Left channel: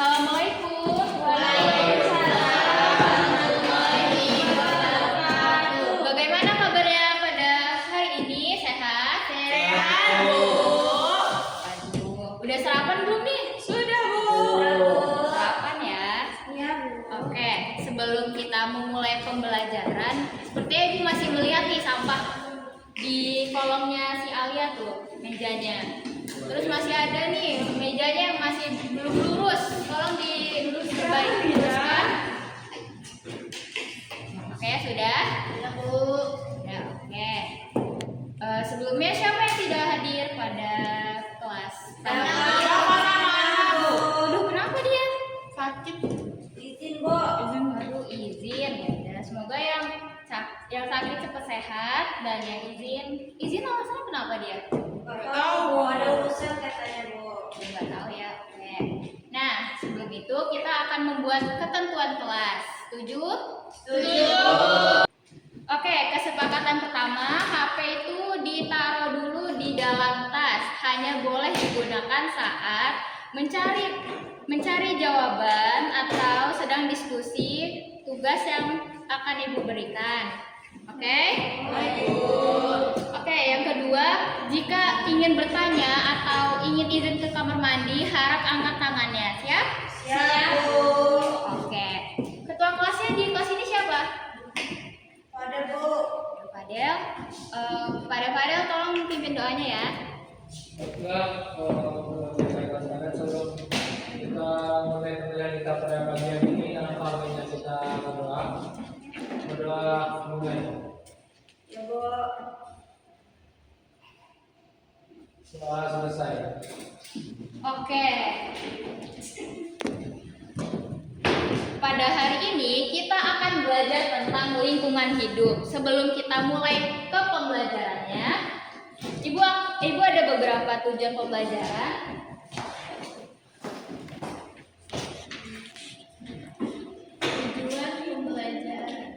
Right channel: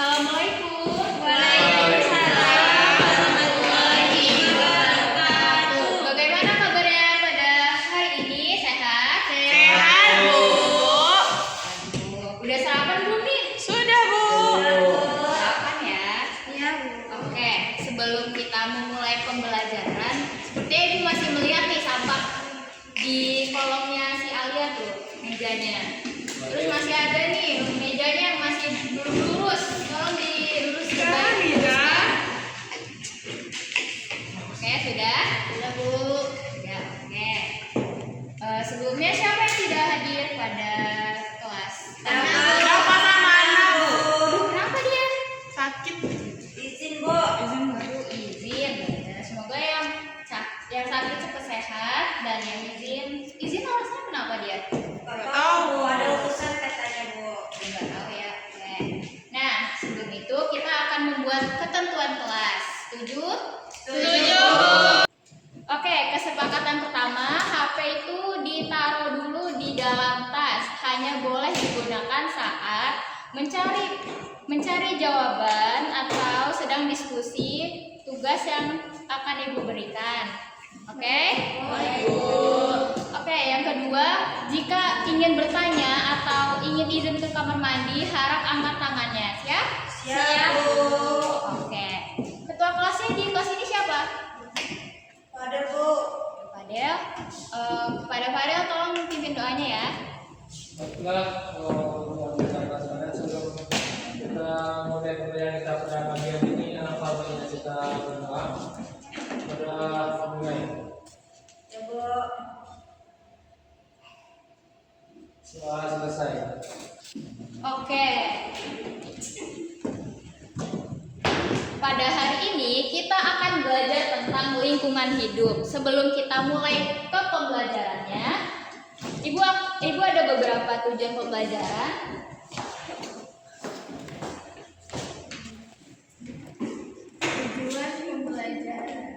Assalamualaikum. Waalaikumsalam warahmatullahi wabarakatuh. Bagaimana kabarnya pada hari ini? Sehat? Sehat, Bu. Udah sarapan belum nih? Sudah, Bu. Sarapan ya? Iya, Bu. Oke, sebelum kita memulai pembelajaran, sepertinya Ibu masih melihat nih sampah di kolomnya si Alia tuh, mejanya. Terus masih ada nih mejanya yang masih belum lurus. Tolong dilurus kembali. Ya. Oke, sudah? Sudah, Bu. Ya, oke. Sebelumnya siapa yang tidak hadir pada kelas? Aduh, kenapa dia? Sakit. Izin, Bu. Aduh, izin. Ya, semoga yang sakit cepat sehat dan yang izin alasannya kenapa dia? Nggak tahu, Bu. Ada urusan katanya, Bu. Nggak tahu ya. Oke. Nah, sebelum itu kita akan membuat ketentuan kelas. Setuju? Setuju. Oke, kesepakatan pertama, HP itu ditaruh dulu di dalam tas. Hanya boleh digunakan saat mencari jawaban atau sedang diskusi tugas yang akan Ibu berikan. Oke? Oke, yang kedua, jika ingin bertanya atau ingin izin ke kamar mandi, harap angkat tangannya. Siap? Siap, Bu. Oke. Ketua kelasnya di kelas ini siapa? Pada, Bu. Fadel. Pada Fadel tolong pimpin doanya ya. Baiklah, sebelum kita mulai pembelajaran kita pada pagi ini, alhamdulillah kita berdoa mulai. Ya, Bu. Setelah selesai. Oke. Pada hari ini kita akan belajar tentang lingkungan hidup. Sebelum kita mulai ke pembelajarannya, Ibu ada beberapa tujuan pembelajaran. Tujuan pembelajaran.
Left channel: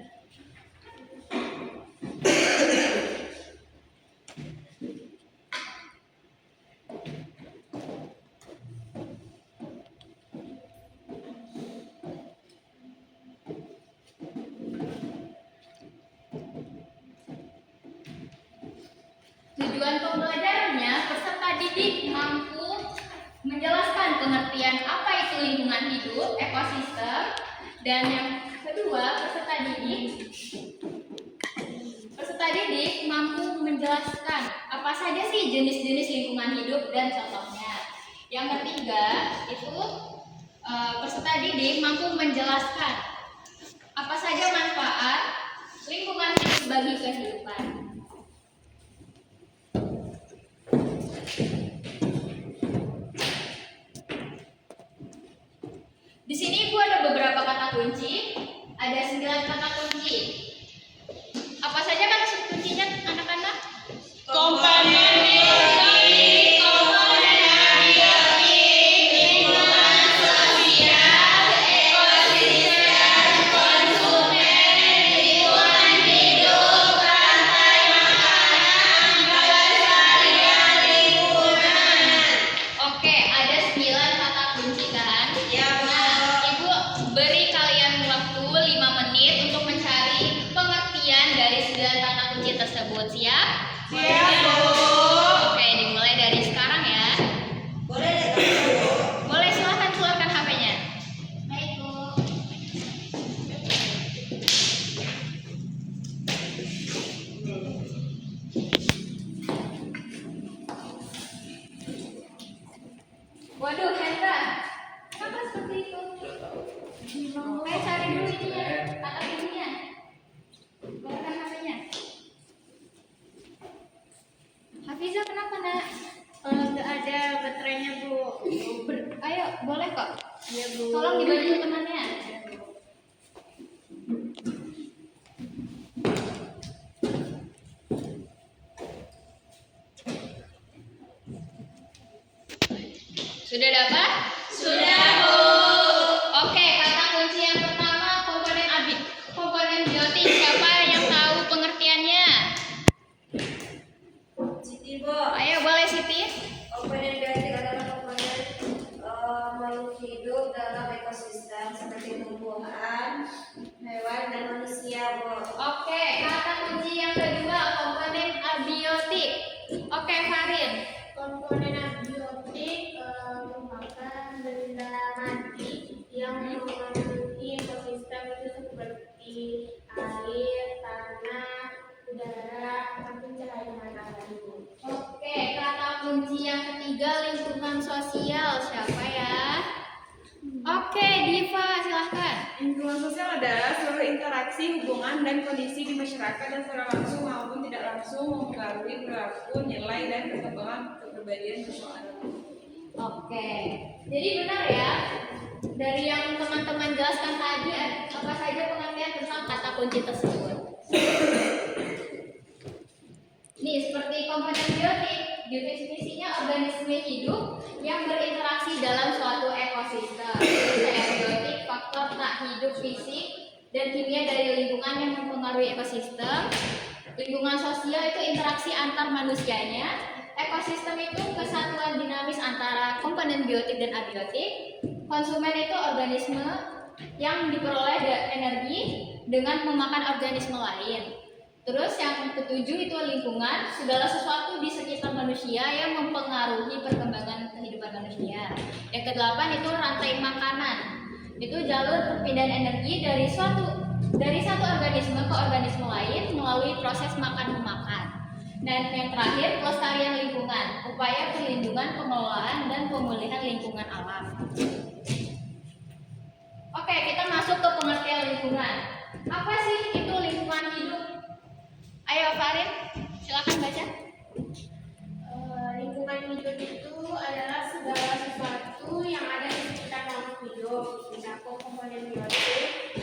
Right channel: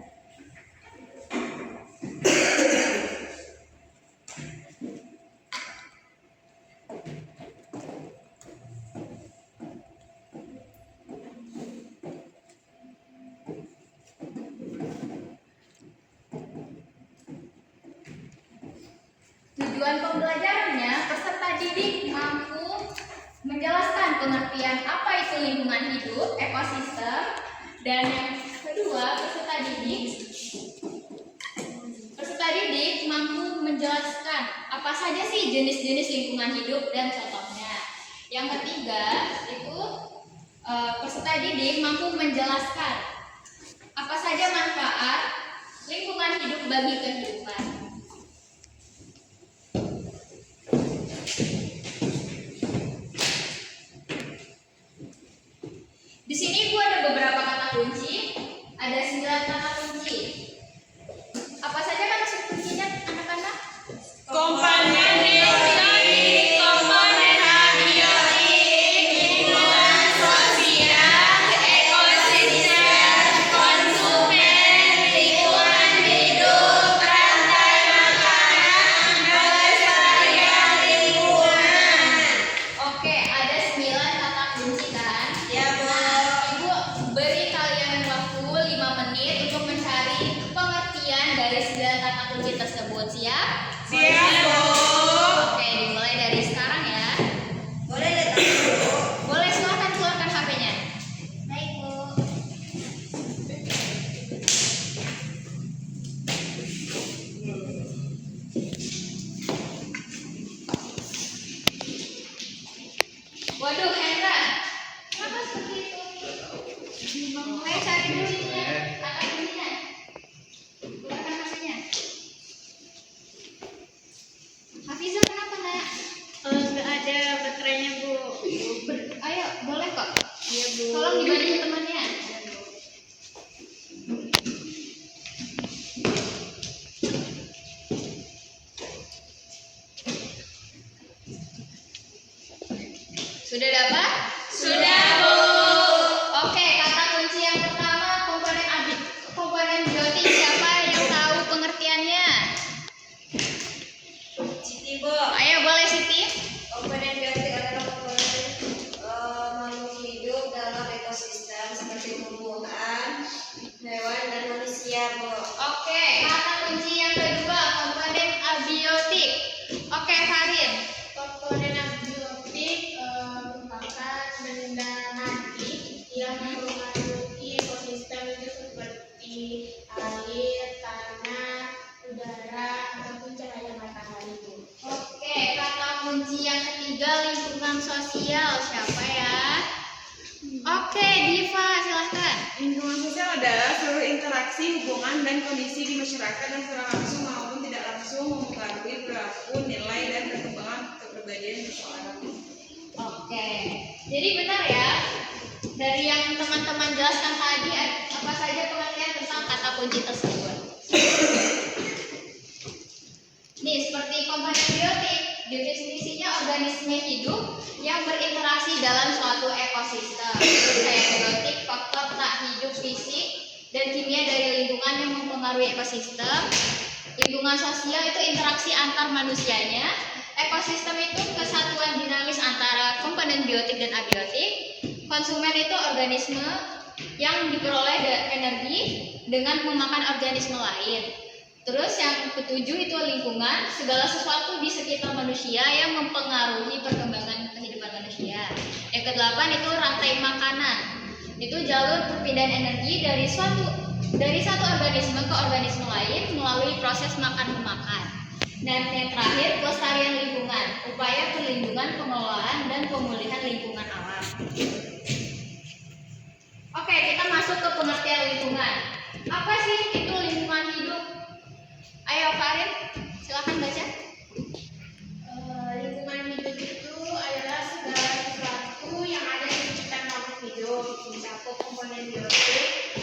Tujuan pembelajarannya, peserta didik mampu menjelaskan pengertian apa itu lingkungan hidup, ekosistem, dan yang kedua, peserta didik mampu menjelaskan apa saja sih jenis-jenis lingkungan hidup dan contohnya. Yang ketiga, itu peserta didik mampu menjelaskan apa saja manfaat lingkungan hidup bagi kehidupan. Di sini Ibu ada beberapa kata kunci, ada 9 kata kunci. Apa saja kata kuncinya anak-anak? Komponen biologi, komponen abiotik, lingkungan sosial, ekosistem, konsumen, lingkungan hidup, rantai makanan, pelestarian lingkungan. Oke, ada 9 kata kunci kan? Ya, Bu. Ibu beri kalian waktu 5 menit untuk mencari pengertian dari 9 kata kunci tersebut. Siap? Siap, Bu. Oke, dimulai dari sekarang ya. Boleh deh, Bu. Boleh, silakan keluarkan HP-nya. Baik, Bu. Waduh, Hendra, kenapa seperti itu? Mulai cari dulu ininya, kata kuncinya. Keluarkan HP-nya. Hafiza, kenapa nak? Nggak ada baterainya, Bu. Ayo, boleh kok. Iya, Bu. Tolong dibantu temannya. Sudah dapat? Sudah, Bu. Oke, kata kunci yang pertama komponen biotik. Siapa yang tahu pengertiannya? Siti, Bu. Ayo, boleh Siti. Komponen biotik adalah komponen makhluk hidup dalam Oke, Farin. Komponen abiotik merupakan benda mati yang memenuhi ekosistem itu seperti air, tanah, udara, ataupun cahaya matahari, Bu. Oke, kata kunci yang ketiga lingkungan sosial. Siapa ya? Oke, Diva, silahkan. Lingkungan sosial adalah seluruh interaksi, hubungan, dan kondisi di masyarakat yang secara langsung maupun tidak langsung mempengaruhi perilaku, nilai, dan perkembangan kepribadian seseorang. Oke, jadi benar ya. Dari yang teman-teman jelaskan tadi, apa saja pengertian tentang kata kunci tersebut? Nih, seperti komponen biotik, definisinya organisme hidup yang berinteraksi dalam suatu ekosistem. Terus kayak biotik, faktor tak hidup fisik dan kimia dari lingkungan yang mempengaruhi ekosistem. Lingkungan sosial itu interaksi antar manusianya. Ekosistem itu kesatuan dinamis antara komponen biotik dan abiotik. Konsumen itu organisme yang diperoleh energi dengan memakan organisme lain. Terus yang ketujuh itu lingkungan, segala sesuatu di sekitar manusia yang mempengaruhi perkembangan kehidupan manusia. Yang kedelapan itu rantai makanan. Itu jalur perpindahan energi dari satu organisme ke organisme lain melalui proses makan memakan. Dan yang terakhir pelestarian lingkungan, upaya perlindungan, pengelolaan dan pemulihan lingkungan alam. Oke, kita masuk ke pengertian lingkungan. Apa sih itu lingkungan hidup? Ayo Farin, silakan baca. Lingkungan hidup itu adalah segala sesuatu yang ada di sekitar makhluk hidup, mencakup komponen biotik,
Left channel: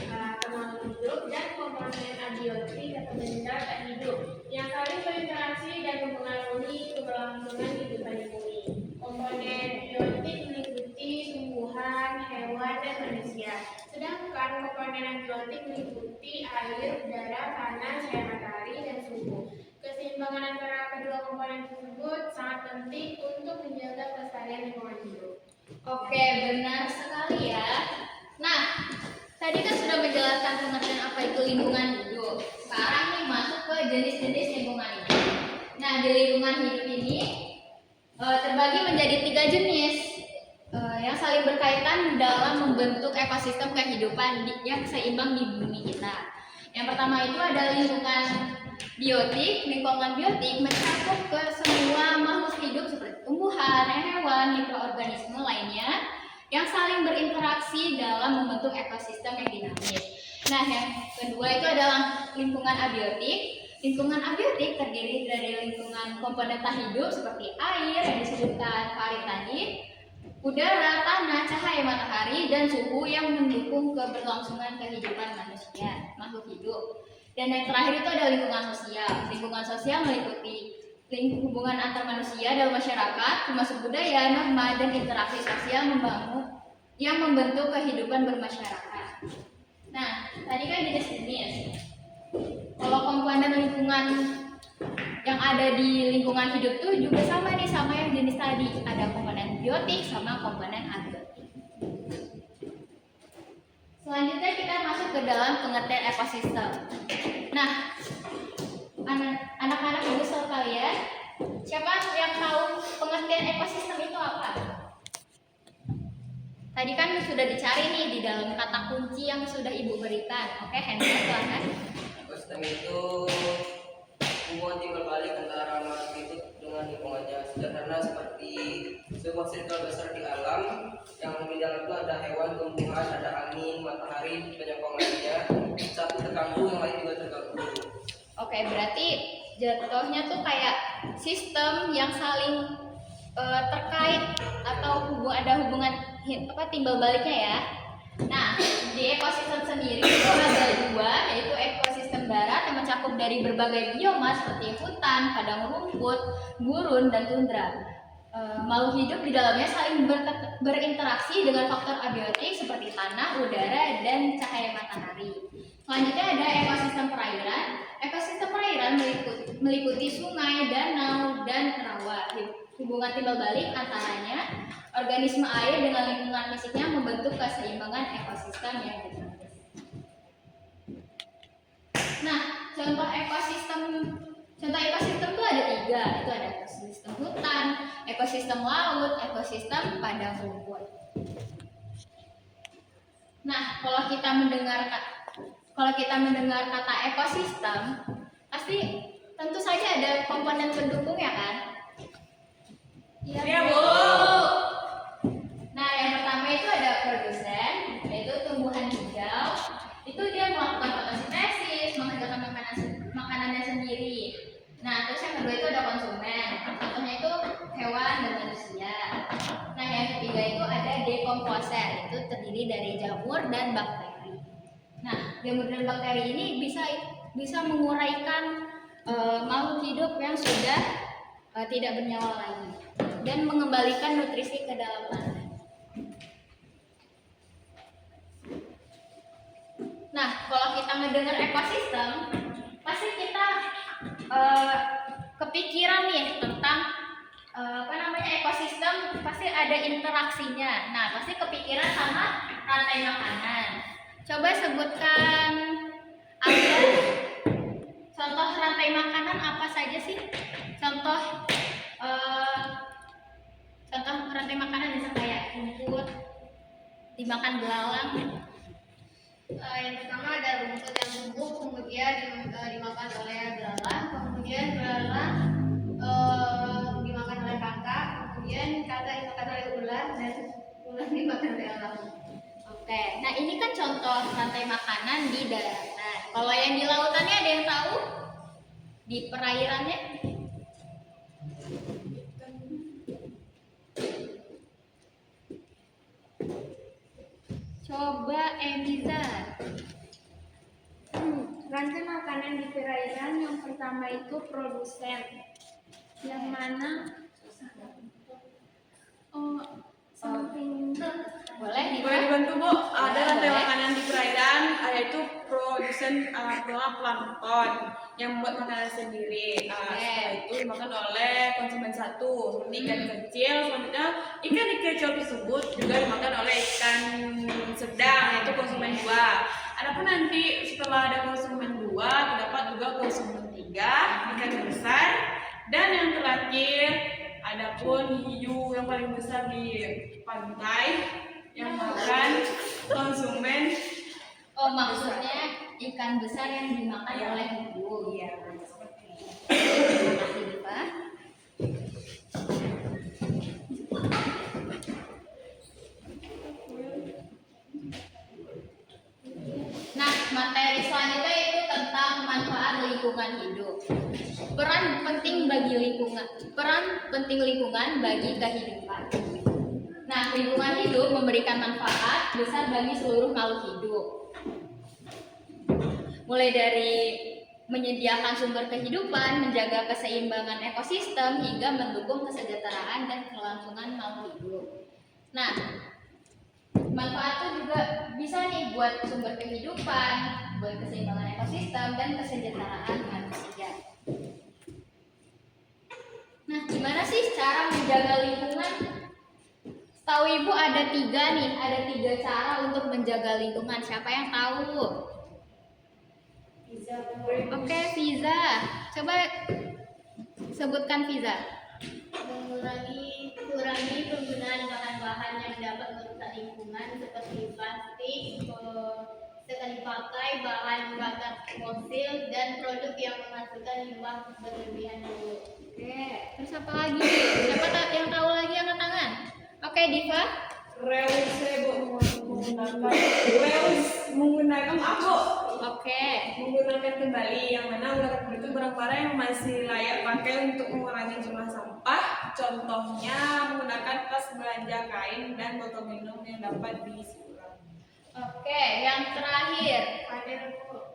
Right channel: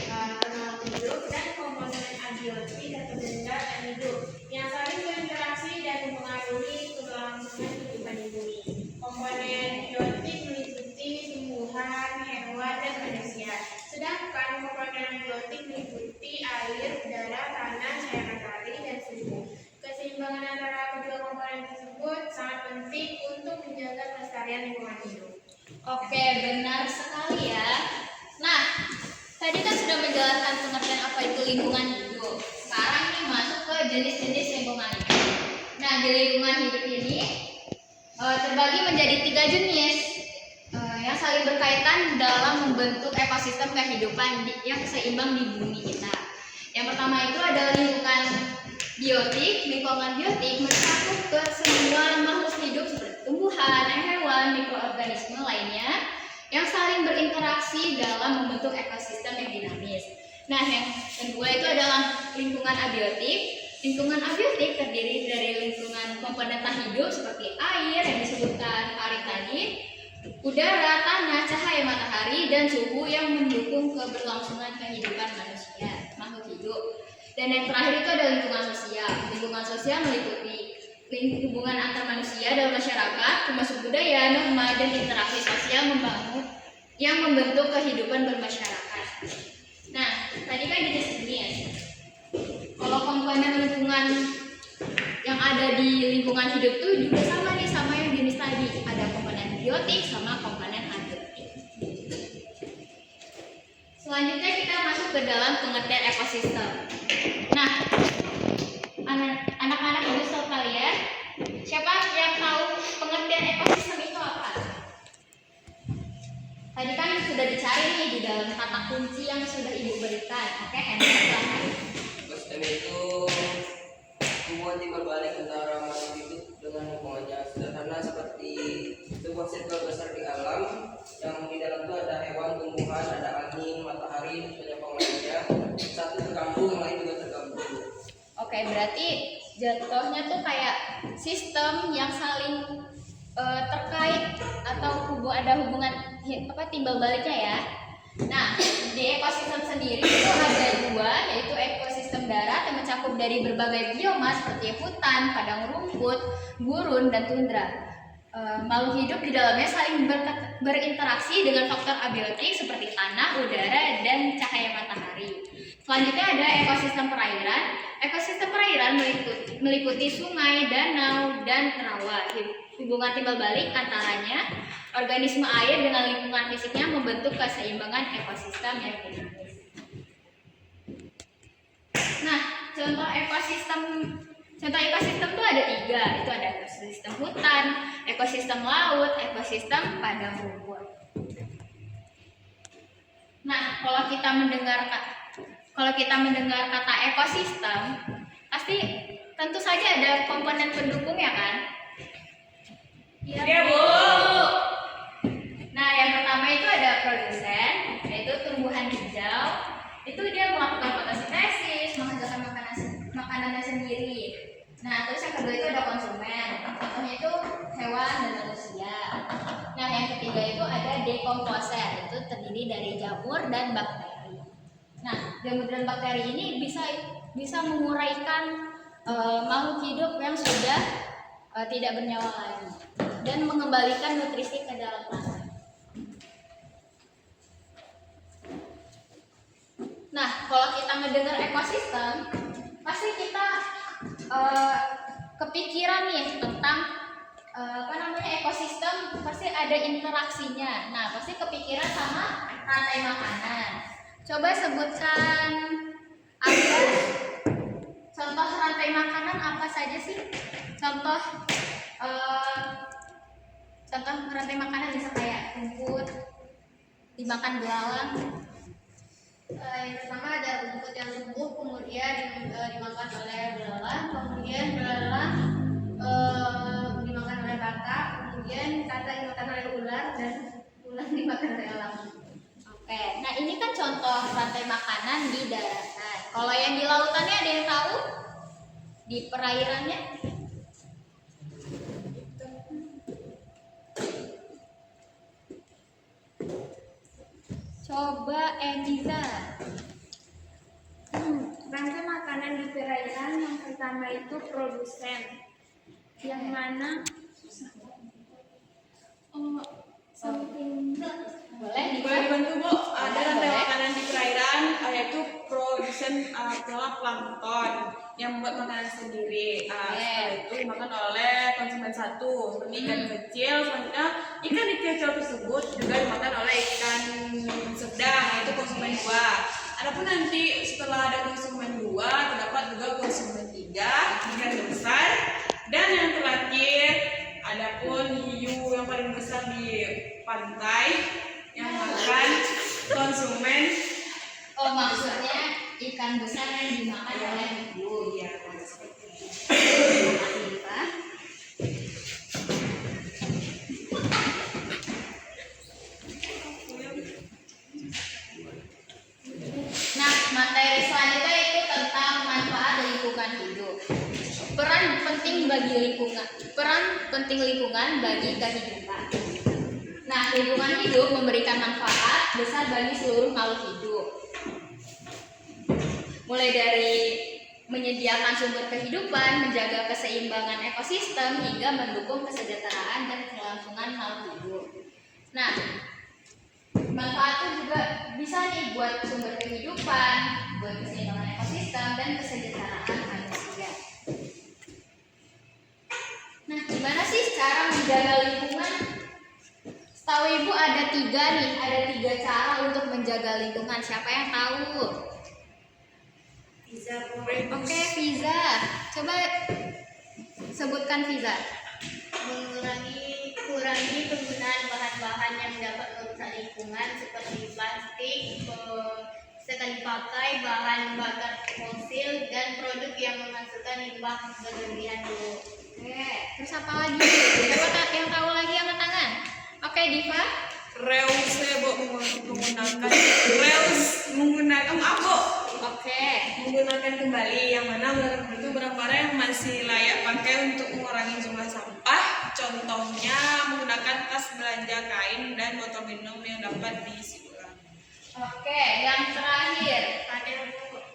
makhluk hidup, dan komponen abiotik atau benda tak hidup yang saling berinteraksi dan mempengaruhi keberlangsungan kehidupan di bumi. Komponen biotik meliputi tumbuhan, hewan, dan manusia. Sedangkan komponen abiotik meliputi air, udara, tanah, cahaya matahari, dan suhu. Keseimbangan antara kedua komponen tersebut sangat penting untuk menjaga kelestarian lingkungan hidup. Oke, benar sekali ya. Nah, tadi kan sudah menjelaskan pengertian apa itu lingkungan hidup. Sekarang nih masuk ke jenis-jenis lingkungan hidup. Nah, di lingkungan hidup ini terbagi menjadi 3 jenis yang saling berkaitan dalam membentuk ekosistem kehidupan yang seimbang di bumi kita. Yang pertama itu adalah lingkungan biotik. Lingkungan biotik mencakup ke semua makhluk hidup seperti tumbuhan, hewan, mikroorganisme lainnya yang saling berinteraksi dalam membentuk ekosistem yang dinamis. Nah, yang kedua itu adalah lingkungan abiotik. Lingkungan abiotik terdiri dari lingkungan komponen tak hidup seperti air yang disebutkan Farid tadi, udara, tanah, cahaya matahari, dan suhu yang mendukung keberlangsungan kehidupan manusia, makhluk hidup. Dan yang terakhir itu adalah lingkungan sosial. Lingkungan sosial meliputi hubungan antar manusia dalam masyarakat, termasuk budaya, norma, dan interaksi sosial yang membentuk kehidupan bermasyarakat. Nah, tadi kan jenis-jenis. Kalau komponen lingkungan yang ada di lingkungan hidup itu juga sama nih sama yang jenis tadi. Ada komponen biotik sama komponen abiotik. Selanjutnya kita masuk ke dalam pengertian ekosistem. Nah, anak-anak ibu sekalian, siapa yang tahu pengertian ekosistem itu apa? Tadi kan sudah dicari nih di dalam kata kunci yang sudah ibu berikan. Oke, Henry silahkan. Ekosistem itu hubungan timbal balik antara makhluk hidup dengan lingkungannya. Sederhana seperti sebuah sirkel besar di alam yang di dalam itu ada hewan, tumbuhan, ada angin, matahari, banyak lainnya. Satu terganggu, yang lain juga terganggu. Oke, berarti jatuhnya tuh kayak sistem yang saling terkait atau ada hubungan timbal baliknya ya. Nah, di ekosistem sendiri itu ada 2, yaitu ekosistem darat yang mencakup dari berbagai bioma seperti hutan, padang rumput, gurun, dan tundra. Makhluk hidup di dalamnya saling berinteraksi dengan faktor abiotik seperti tanah, udara, dan cahaya matahari. Selanjutnya ada ekosistem perairan. Ekosistem perairan meliputi sungai, danau, dan rawa. Hubungan timbal balik antaranya organisme air dengan lingkungan fisiknya membentuk keseimbangan ekosistem yang dinamis. Nah, contoh ekosistem Contoh ekosistem tuh ada 3, itu ada ekosistem hutan, ekosistem laut, ekosistem padang rumput. Nah, kalau kita mendengar kata ekosistem, pasti tentu saja ada komponen pendukung ya kan? Iya, Bu. Nah, yang pertama itu ada produsen, yaitu tumbuhan hijau. Itu dia melakukan fotosintesis, menghasilkan makanannya sendiri. Nah, terus yang kedua itu ada konsumen. Contohnya itu hewan dan manusia. Nah, yang ketiga itu ada dekomposer, itu terdiri dari jamur dan bakteri. Nah, jamur dan bakteri ini bisa menguraikan makhluk hidup yang sudah tidak bernyawa lagi dan mengembalikan nutrisi ke dalam tanah. Nah, kalau kita mendengar ekosistem, pasti kita kepikiran nih tentang ekosistem, pasti ada interaksinya. Nah, pasti kepikiran sama rantai makanan. Coba sebutkan contoh rantai makanan apa saja sih? Contoh rantai makanan bisa kayak rumput dimakan belalang. Yang pertama ada rumput yang tumbuh, kemudian dimakan oleh belalang, kemudian belalang dimakan oleh kakak, kemudian kakak dimakan oleh ular, dan ular dimakan oleh elang. Oke, nah ini kan contoh rantai makanan di daratan. Kalau yang di lautannya ada yang tahu? Di perairannya? Coba Emiza. Rantai makanan di perairan yang pertama itu produsen, yang mana something. Boleh Boleh dibuat? dibantu, Bu? Ada rantai Boleh. makanan di perairan, yaitu produsen plankton yang membuat makanan sendiri. Setelah itu dimakan oleh konsumen satu, seperti ikan kecil. Selanjutnya ikan kecil tersebut juga dimakan oleh ikan sedang, yaitu konsumen 2. Adapun nanti setelah ada konsumen 2, terdapat juga konsumen 3, ikan besar, dan yang terakhir adapun hiu yang paling besar di pantai yang makan konsumen. Oh, maksudnya ikan besar yang dimakan oleh hiu. Iya. Terima kasih, Pak. Nah, materi selanjutnya itu tentang manfaat lingkungan hidup. Peran penting lingkungan bagi kehidupan. Nah, lingkungan hidup memberikan manfaat besar bagi seluruh makhluk hidup. Mulai dari menyediakan sumber kehidupan, menjaga keseimbangan ekosistem, hingga mendukung kesejahteraan dan kelangsungan makhluk hidup. Nah, manfaatnya juga bisa nih buat sumber kehidupan, buat keseimbangan ekosistem, dan kesejahteraan manusia. Nah, gimana sih cara menjaga lingkungan? Setahu Ibu ada 3 cara untuk menjaga lingkungan. Siapa yang tahu? Oke, Fiza. Coba sebutkan Fiza. Kurangi penggunaan bahan-bahan yang dapat merusak lingkungan seperti plastik, sekali pakai, bahan bakar fosil, dan produk yang menghasilkan limbah berlebihan dulu. Oke, terus apa lagi? Siapa yang tahu lagi angkat tangan? Oke, Diva. Menggunakan kembali, yang mana menggunakan itu barang-barang yang masih layak pakai untuk mengurangi jumlah sampah. Contohnya menggunakan tas belanja kain dan botol minum yang dapat diisi ulang. Oke, yang terakhir.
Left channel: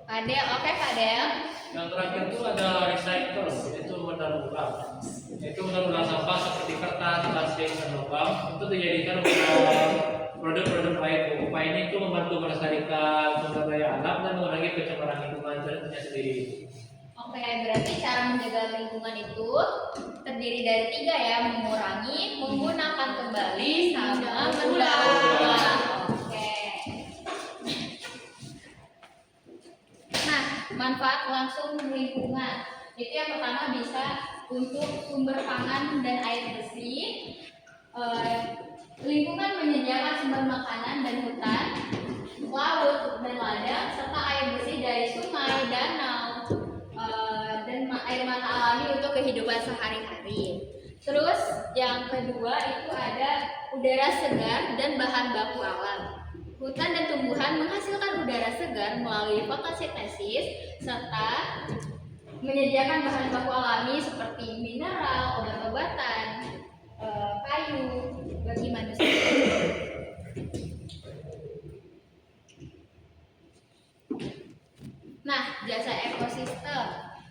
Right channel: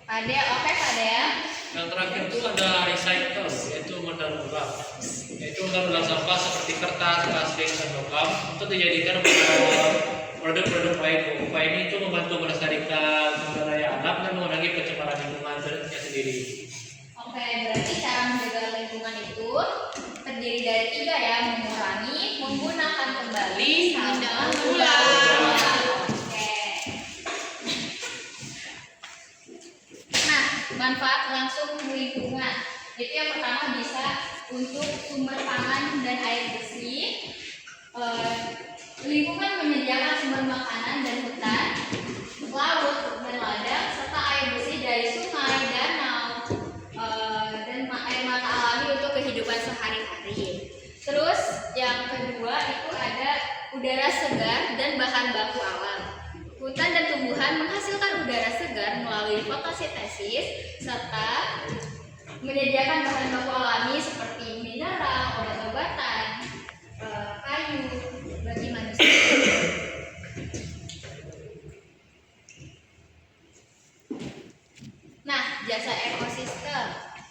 Padel, oke Padel. Yang terakhir itu ada recycle, yaitu modal ulang. Yaitu modal ulang sampah seperti kertas, plastik, dan logam untuk dijadikan produk-produk lain. Upaya ini itu membantu melestarikan sumber daya alam dan mengurangi pencemaran lingkungan sendiri. Oke, berarti cara menjaga lingkungan itu terdiri dari 3 ya, mengurangi, menggunakan kembali, sama mendaur. Oke. Nah, manfaat langsung lingkungan. Itu yang pertama bisa untuk sumber pangan dan air bersih, lingkungan menyediakan sumber makanan dan hutan, laut dan ladang, serta air bersih dari sungai, danau, dan air mata alami untuk kehidupan sehari-hari. Terus yang kedua itu ada udara segar dan bahan baku alam. Hutan dan tumbuhan menghasilkan udara segar melalui fotosintesis serta menyediakan bahan baku alami seperti mineral, obat-obatan, kayu bagi manusia. Nah, jasa ekosistem.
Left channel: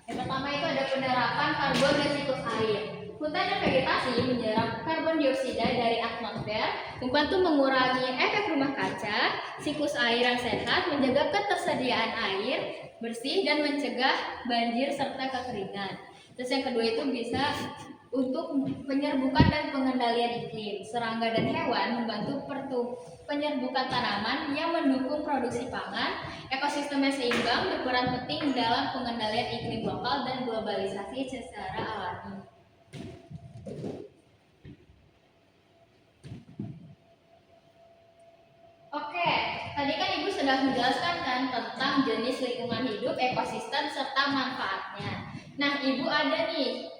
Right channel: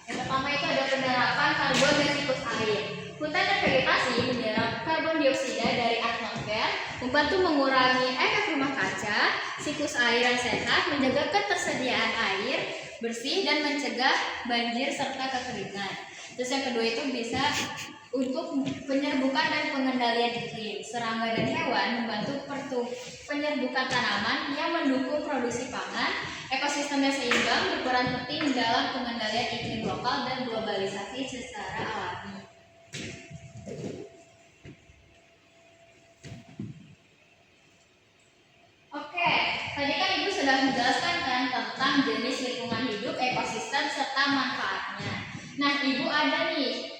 Yang pertama itu ada penerapan karbon dan siklus air. Hutan dan vegetasi menyerap karbon dioksida dari atmosfer, membantu mengurangi efek rumah kaca, siklus air yang sehat, menjaga ketersediaan air bersih dan mencegah banjir serta kekeringan. Terus yang kedua itu bisa untuk penyerbukan dan pengendalian iklim. Serangga dan hewan membantu penyerbukan tanaman yang mendukung produksi pangan. Ekosistem yang seimbang berperan penting dalam pengendalian iklim lokal dan globalisasi secara alami. Oke, tadi kan Ibu sudah menjelaskan kan tentang jenis lingkungan hidup, ekosistem, serta manfaatnya. Nah, Ibu ada nih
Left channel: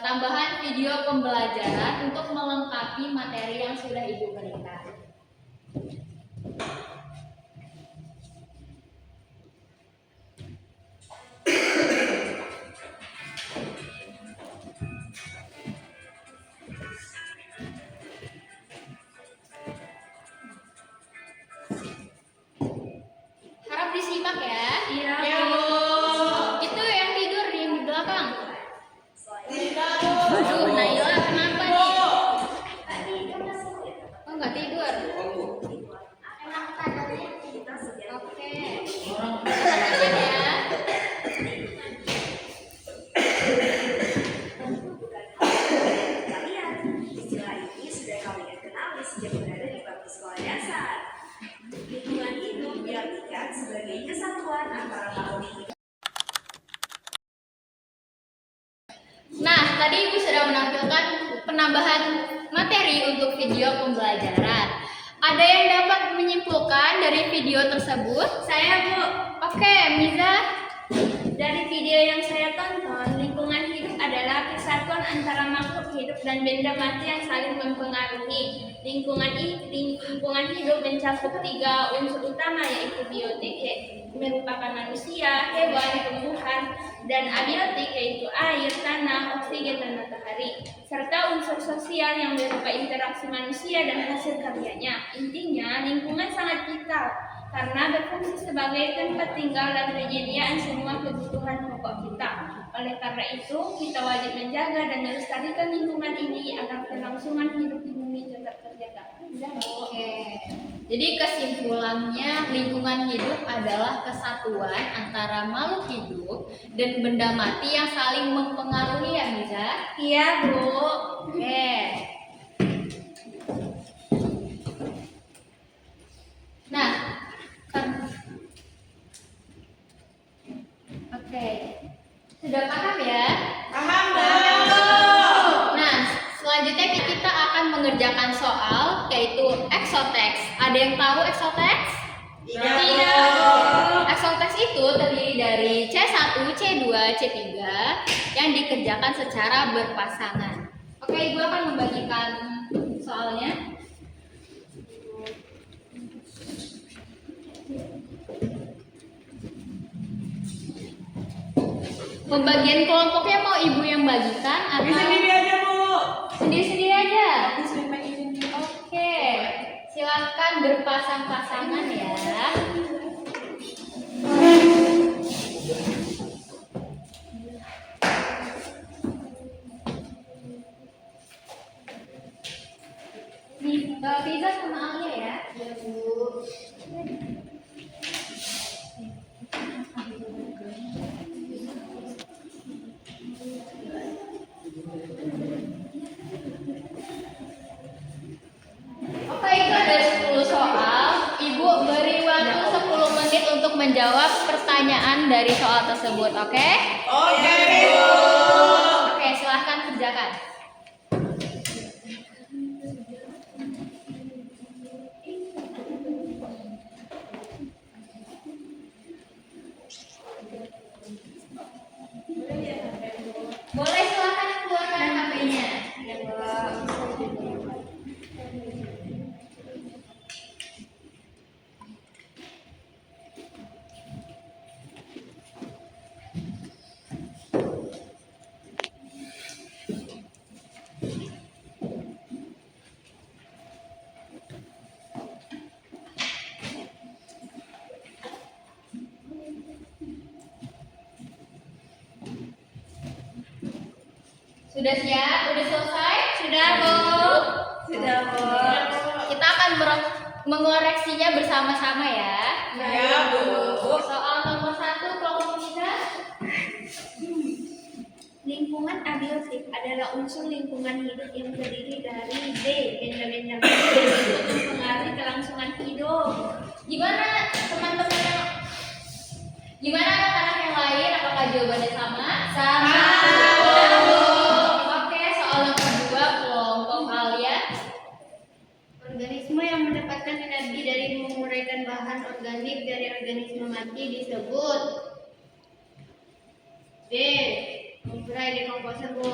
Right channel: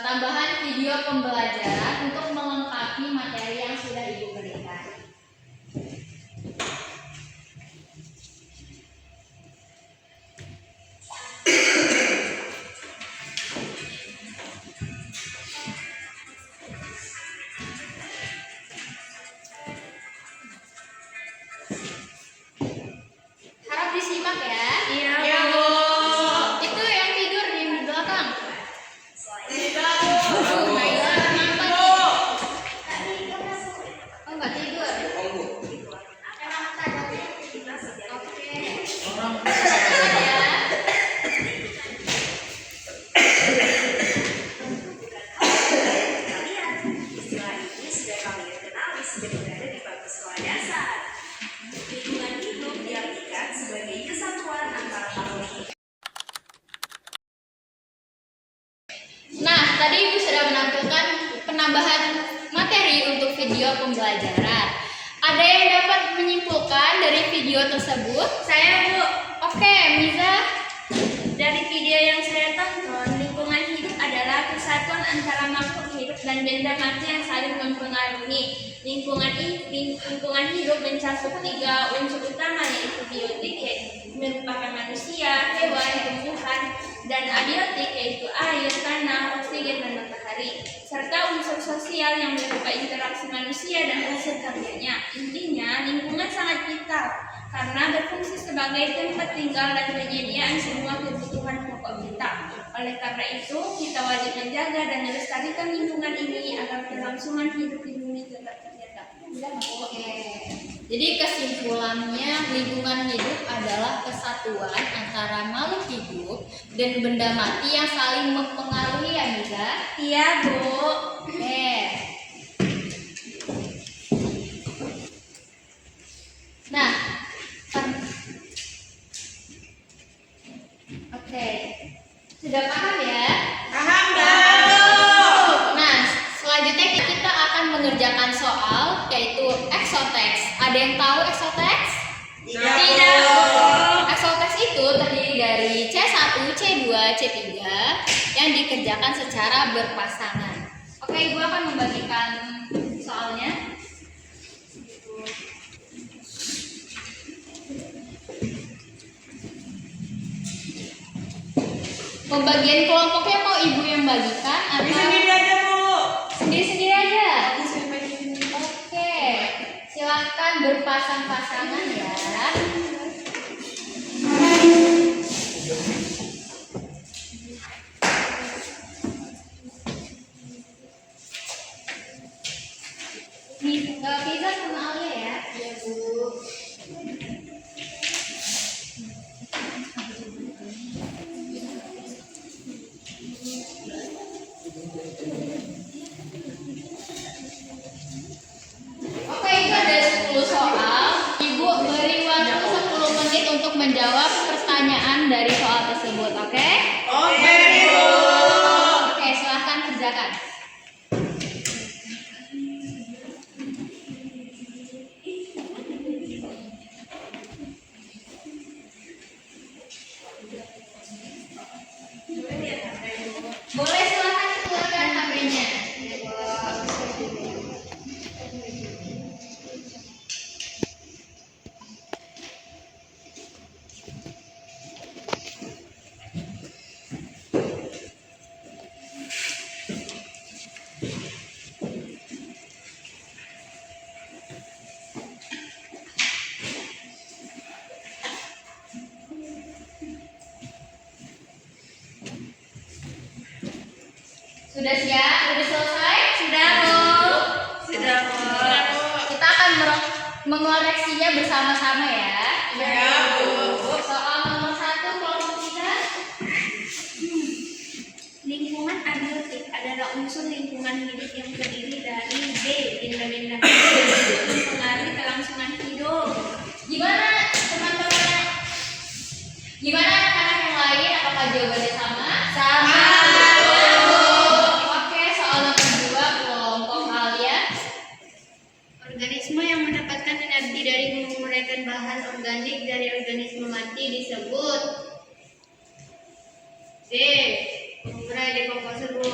tambahan video pembelajaran untuk melengkapi materi yang sudah Ibu berikan. Harap disimak ya. Iya. Itu yang tidur di belakang. Aduh, Naila kenapa nih? Oh, nggak tidur. Oke. Dengarkan ya. Istilah ini sudah kalian kenali sejak berada di bangku sekolah dasar. Lingkungan hidup diartikan sebagai kesatuan antara makhluk hidup. Nah, tadi Ibu sudah menampilkan penambahan materi untuk video pembelajaran. Ada yang dapat menyimpulkan dari video tersebut? Saya Bu, Oke, Miza. dari video yang saya tonton, lingkungan hidup adalah kesatuan antara makhluk hidup dan benda mati yang saling mempengaruhi. Lingkungan hidup mencakup 3 unsur utama, yaitu biotik, yaitu merupakan manusia, hewan, tumbuhan, dan abiotik, yaitu air, tanah, oksigen, dan matahari, serta unsur sosial yang berupa interaksi manusia dan hasil karyanya. Intinya, lingkungan sangat vital karena berfungsi sebagai tempat tinggal dan penyediaan semua kebutuhan pokok kita. Oleh karena itu, kita wajib menjaga dan melestarikan lingkungan ini agar kelangsungan hidup di bumi tetap terjaga. Oke. Jadi kesimpulannya lingkungan hidup adalah kesatuan antara makhluk hidup dan benda mati yang saling mempengaruhi ya, Miza? Iya, Bu. Oke. Nah, oke. Sudah paham ya? Paham dong. Nah, selanjutnya kita akan mengerjakan soal yaitu exoteks. Ada yang tahu exoteks? Tidak. Exoteks itu terdiri dari C1, C2, C3 yang dikerjakan secara berpasangan. Oke, Ibu akan membagikan soalnya. Pembagian kelompoknya mau Ibu yang bagikan atau Sendiri aja, Bu. sendiri-sendiri aja? Aku sampai di sini. Oke, silakan berpasang-pasangan ya. Fiza sama Alia ya. Iya, Bu. Oke, itu ada 10 soal. Ibu beri waktu 10 menit untuk menjawab pertanyaan pertanyaan dari soal tersebut, oke? Oke. Oke, silahkan kerjakan. Boleh silahkan keluarkan HP-nya. Sudah siap? Sudah selesai? Sudah, Bu. Sudah, Bu. Kita akan mengoreksinya bersama-sama ya. Ya, Bu. Soal nomor 1 kelompok kita. Lingkungan abiotik adalah unsur lingkungan hidup yang terdiri dari B. Benda-benda yang mempengaruhi kelangsungan hidup. Gimana teman-teman? Gimana anak-anak yang lain? Apakah jawabannya sama? Sama. Oke, soal nomor 2 kelompok Alia. Organisme yang mendapatkan energi dari menguraikan bahan organik dari organisme mati disebut D. Pengurai dekomposer, Bu.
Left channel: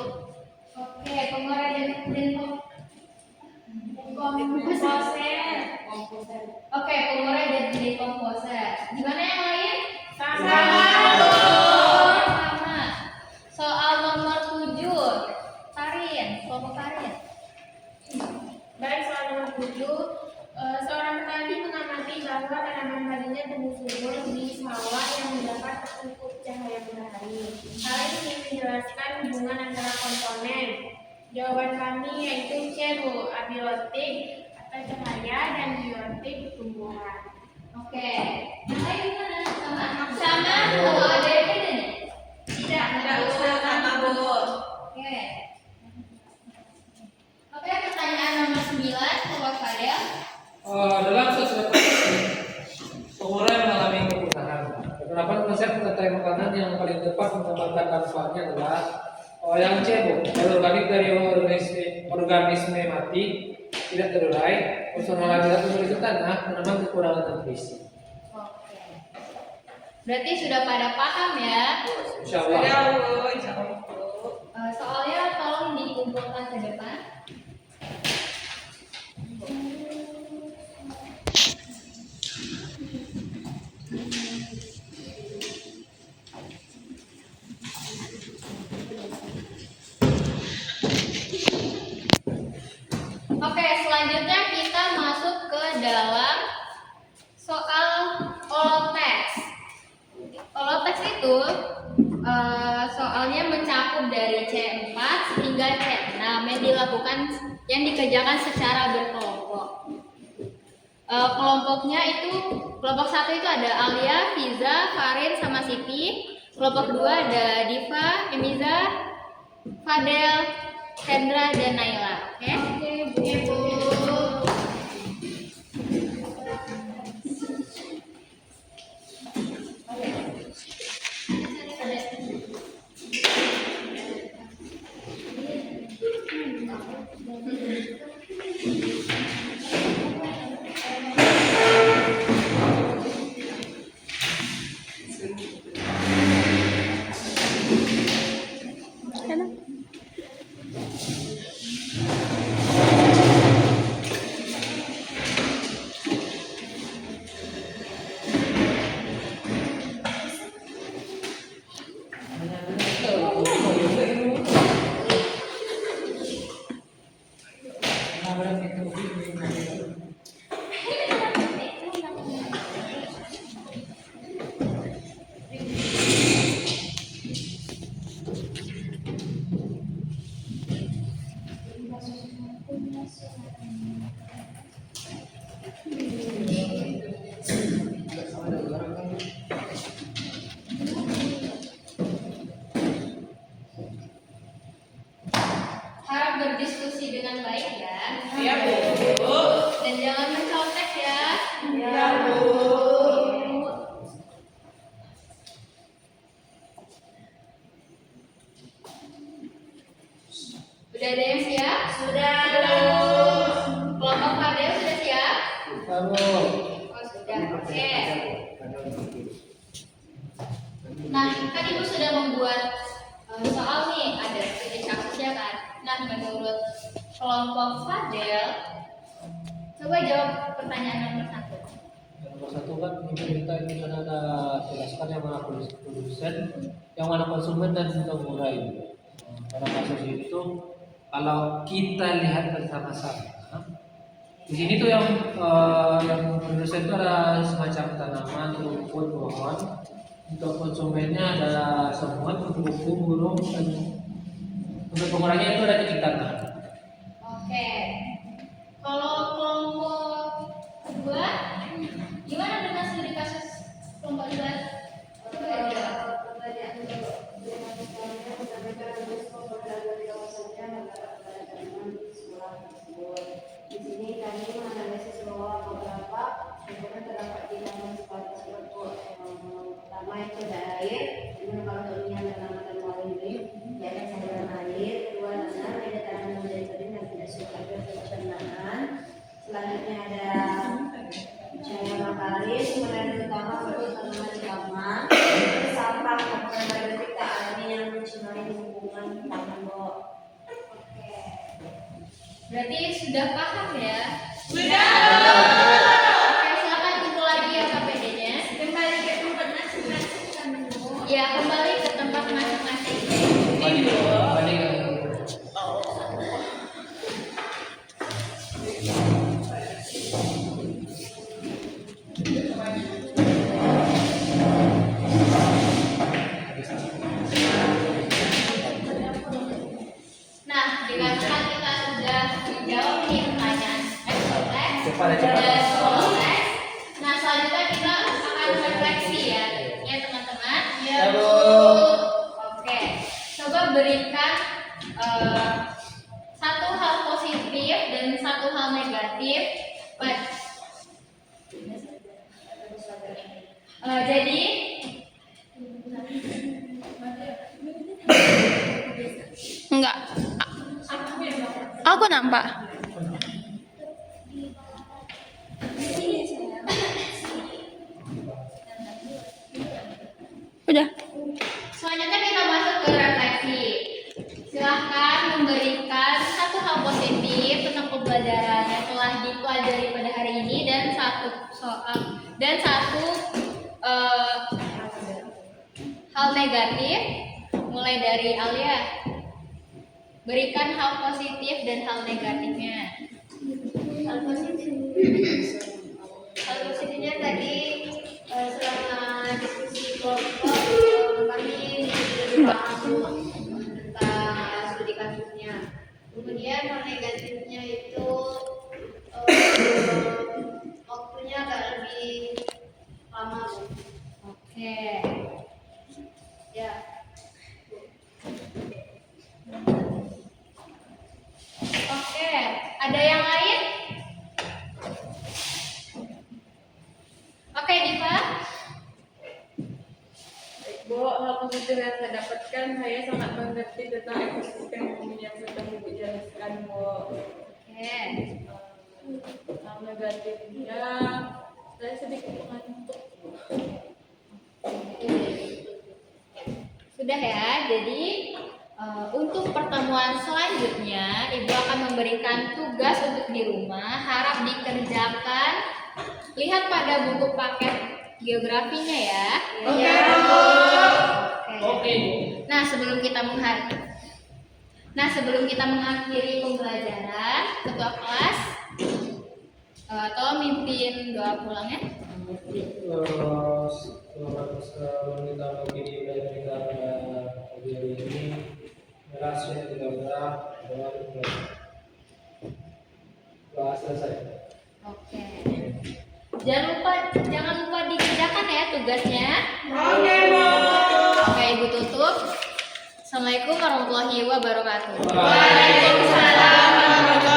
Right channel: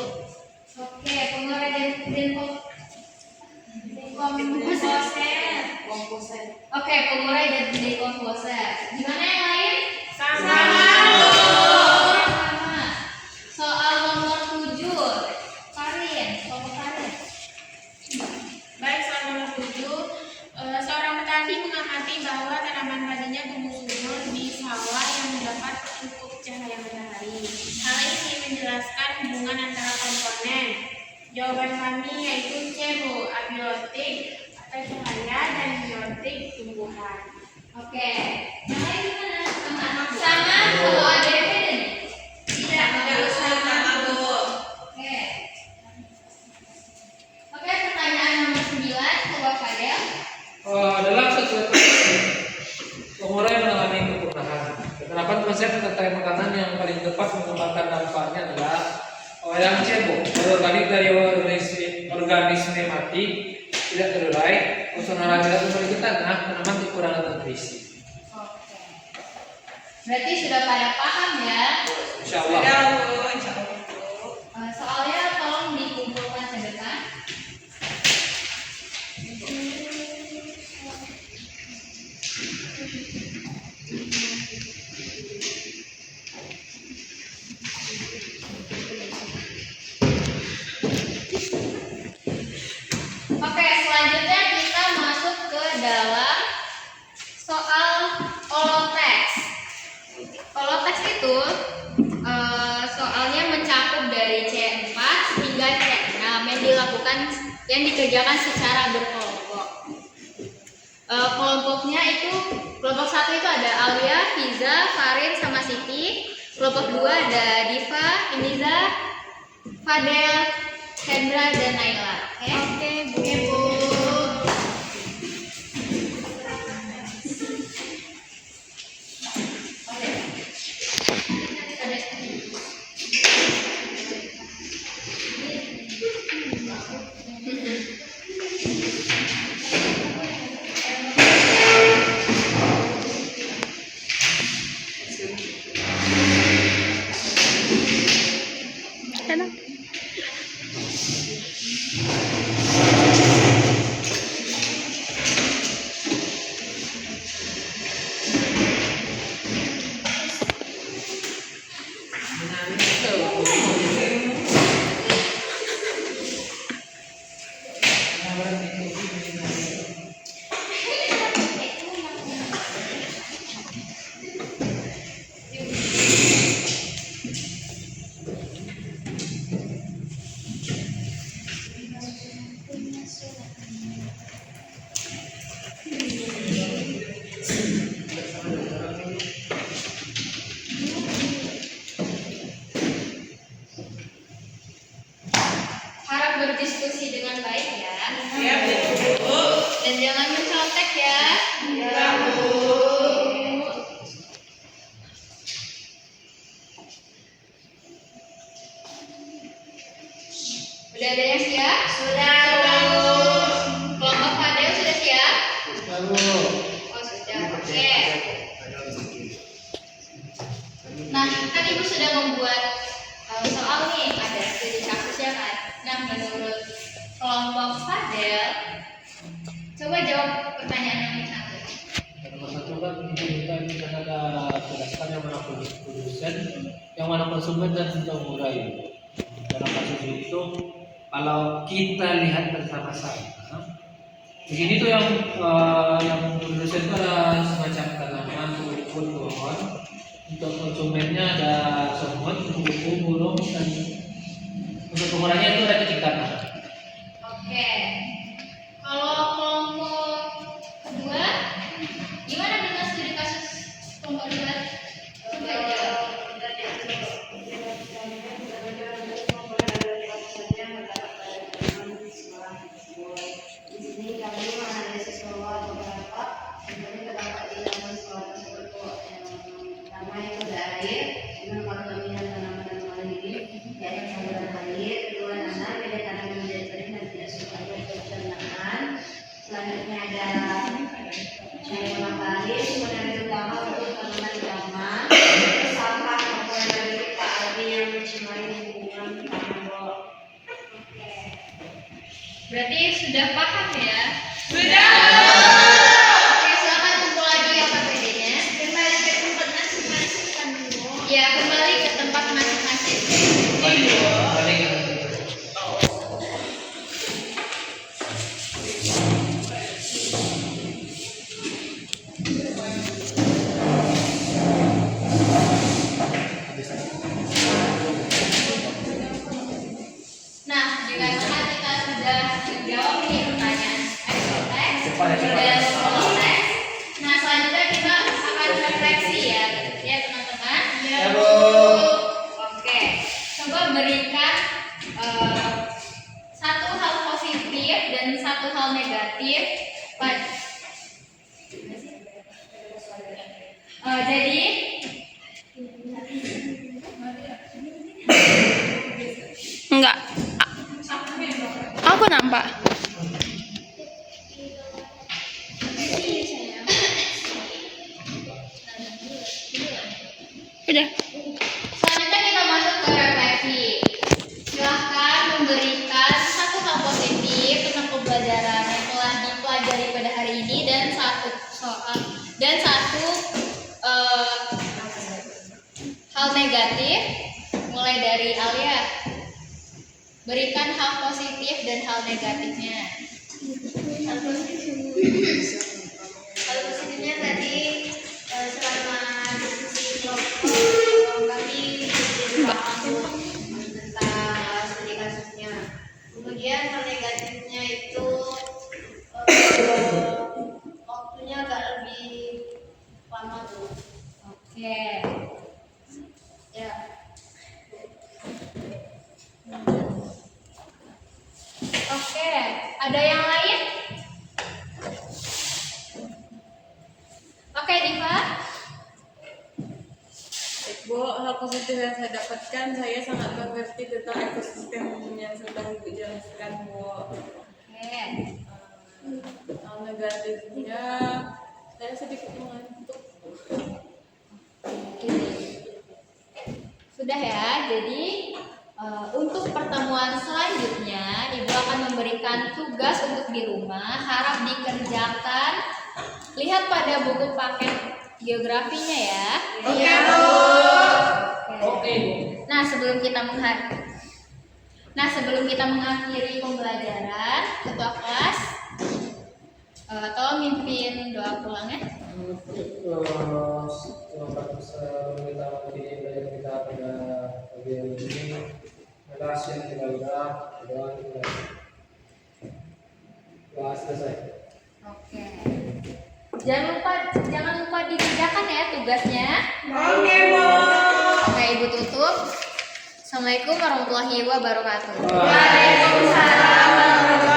Oke, pengurai Komposer. Oke, pengurai dan dekomposer. Gimana yang lain? Sama. Sama. Soal nomor 7. Karin, kelompok Karin. Baik, soal nomor 7. Seorang petani mengamati bahwa tanaman padinya tumbuh subur di sawah yang mendapat cukup cahaya matahari. Hal ini menjelaskan hubungan antara komponen. Jawaban kami yaitu C, Bu, abiotik atau cahaya dan biotik tumbuhan. Oke. Yang lain gimana? Sama kalau ada yang beda nih? Tidak, usah. Sama, Bu. Oke. Oke, pertanyaan nomor 9, kelompok Fadel. Dalam sesuatu pengurai mengalami kepunahan. Penerapan konsep pengetai makanan yang paling tepat mengembangkan dampaknya adalah yang C, Bu, organik dari organisme mati tidak terurai, unsur hara tidak memiliki tanah, tanaman kekurangan nutrisi. Oke. Berarti sudah pada paham ya? Insya Allah. Sudah, Bu. Insya Allah, Bu. Soalnya tolong dikumpulkan ke depan. Oke, selanjutnya kita masuk ke dalam soal holoteks. Holoteks itu soalnya mencakup dari C4 hingga C6 yang dikerjakan secara berkelompok. Kelompoknya itu kelompok 1 itu ada Alia, Fiza, Karin sama Siti. Kelompok 2 ada Diva, Emiza, Fadel, Hendra dan Naila. Oke, Bu. Harap berdiskusi dengan baik ya. Ya, Bu. Dan jangan mencontek ya. Ya, Bu. Oh sudah, oke. Nah, kan Ibu sudah membuat soal nih, ada studi kasusnya kan. Nah, menurut kelompok Fadel, coba jawab pertanyaan nomor 1. Nomor 1 kan kita ini kan ada jelaskan yang mana produsen, yang mana konsumen dan pengurai. Dalam kasus itu, kalau kita lihat bersama-sama, di sini tuh yang produsen itu ada semacam tanaman, rumput, pohon. Untuk konsumennya ada sombong, kupu-kupu, burung, dan untuk pengurainya itu ada cacing tanah. Oke. Kalau kelompok kedua, gimana dengan studi kasus kelompok 2? Coba jawab. Di sini kami menganalisis bahwa beberapa sumbernya terdapat di dalam sekolah tersebut. Pertama itu ada air, dimana kalau dominan tanaman tanaman ini yaitu saluran air. Kedua, tanah beda tanah menjadi kering dan tidak suka air pencernaan. Selanjutnya ada cahaya matahari, sumber energi utama untuk tanaman di taman. Terus sampah komponen dari Pak Ardi yang mencemari lingkungan taman. Berarti sudah paham ya? Sudah. Oke, silakan kumpul lagi ya KPD-nya. Kembali ke tempat masing-masing kan Bu. Ya, kembali ke tempat masing-masing. Balik. Nah, dikarenakan kita sudah menjawab nih pertanyaan ekstrateks Cepat. dan proses. Nah, selanjutnya kita akan refleksi ya teman-teman. Ya, Bu. Oke, coba berikan satu hal positif dan satu hal negatif jadi Enggak. Aku nampak. Udah. selanjutnya kita masuk ke refleksi. Silahkan memberikan satu hal positif tentang pembelajaran yang telah dipelajari pada hari ini dan satu soal dan satu hal negatif. Mulai dari Alia. Berikan hal positif dan hal negatifnya. Hal positifnya tadi selama diskusi kelompok kami paham tentang studi kasusnya. Kemudian hal negatifnya itu waktunya agak lebih lama Bu. Oke. Ya. Oke, ada yang lain? Oke, Diva. Baik, Bu, hal positif yang saya dapatkan, saya sangat mengerti tentang ekosistem yang sedang Ibu jelaskan, Bu. Oke. Hal negatifnya, saya sedikit mengantuk. Sudah ya. Jadi untuk pertemuan selanjutnya, Ibu akan memberikan tugas untuk di rumah. Harap dikerjakan. Lihat pada buku paket geografinya ya. Oke, Oke, Bu. Nah, sebelum kita mengakhiri pembelajaran, ketua kelas tolong mimpin doa pulang ya. Selamat kita begini pelajaran kita pada pagi hari ini. Terima kasih kita doa selesai. Oke. Jangan lupa dikerjakan ya tugasnya. Oke, Bu. Oke, Ibu tutup. Assalamualaikum warahmatullahi wabarakatuh. Waalaikumsalam warahmatullahi wabarakatuh.